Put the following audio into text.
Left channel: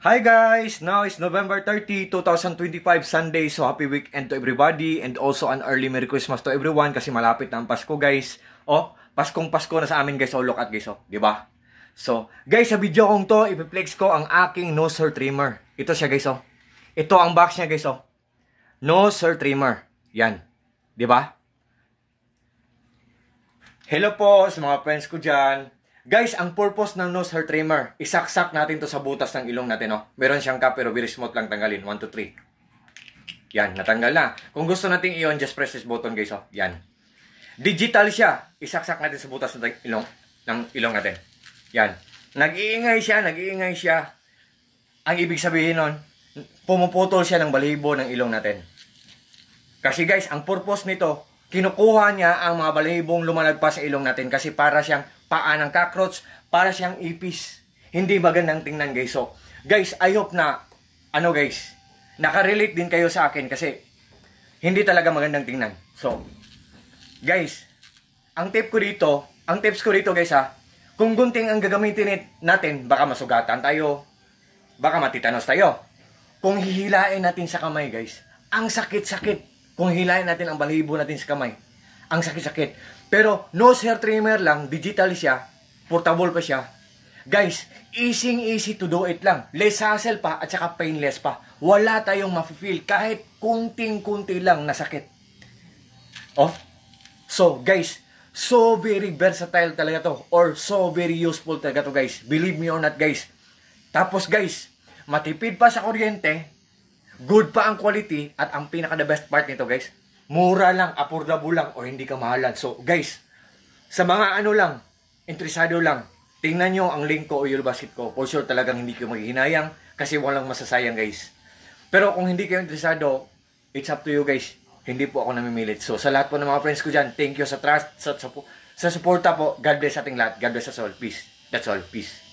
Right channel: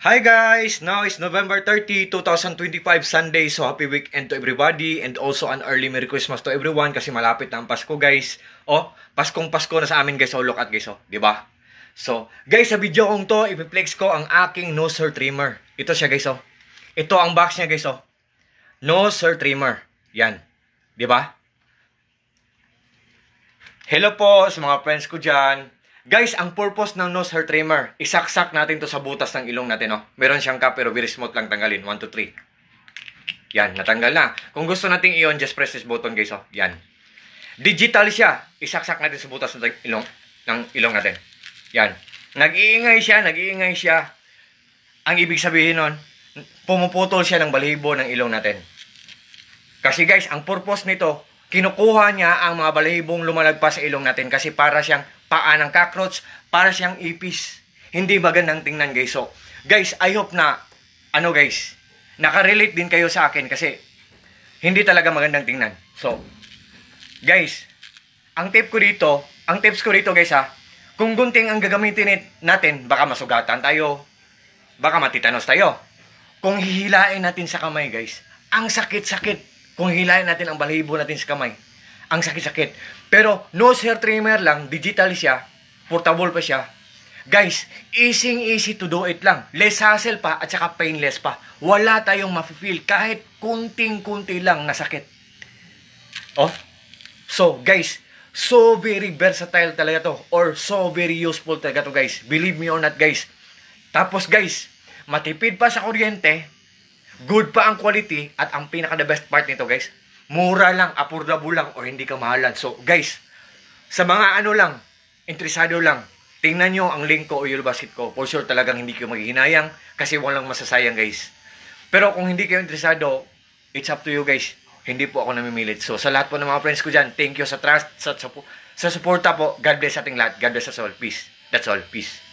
Hi guys! Now is November 30, 2025 Sunday. So happy weekend to everybody and also an early Merry Christmas to everyone kasi malapit na ang Pasko guys. Oh, Paskong Pasko na sa amin guys. Oh, look at guys, oh, 'di ba? So, guys, sa video kong to, i-flex ko ang aking nose hair trimmer. Ito siya guys, oh. Ito ang box niya guys, oh. Nose hair trimmer. Yan. 'Di ba? Hello po sa mga friends ko diyan. Guys, ang purpose ng nose hair trimmer, isaksak natin to sa butas ng ilong natin, no? Meron siyang cap pero very smooth lang tanggalin. 1, 2, 3. Yan, natanggal na. Kung gusto nating i-on, just press this button, guys, oh. Yan. Digital siya. Isaksak natin sa butas ng ilong natin. Yan. Nag-iingay siya. Ang ibig sabihin nun, pumuputol siya ng balahibo ng ilong natin. Kasi guys, ang purpose nito, kinukuha niya ang mga balahibong lumalagpas sa ilong natin kasi para siyang paa ng cockroach, para siyang ipis. Hindi magandang tingnan guys. So, guys, I hope na, guys, nakarelate din kayo sa akin kasi hindi talaga magandang tingnan. So, guys, ang tips ko dito guys kung gunting ang gagamitin natin, baka masugatan tayo, baka matitanos tayo. Kung hihilain natin sa kamay guys, ang sakit-sakit. Kung hilahin natin ang balahibo natin sa kamay, ang sakit-sakit. Pero nose hair trimmer lang, digital siya, portable pa siya. Guys, easy to do it lang. Less hassle pa at saka painless pa. Wala tayong ma-feel kahit kunting-kunti lang na sakit. Oh. So, guys, so very versatile talaga to or so very useful talaga to, guys. Believe me or not, guys. Tapos, guys, matipid pa sa kuryente. Good pa ang quality at ang pinaka-the best part nito guys, mura lang, affordable lang o hindi ka mahalan. So guys, sa mga interesado lang, tingnan nyo ang link ko o yung basket ko. For sure talagang hindi kayo maghihinayang kasi walang masasayang guys. Pero kung hindi kayo interesado, it's up to you guys. Hindi po ako namimilit. So sa lahat po ng mga friends ko dyan, thank you sa trust, sa suporta po. God bless ating lahat. God bless us all. Peace. That's all. Peace.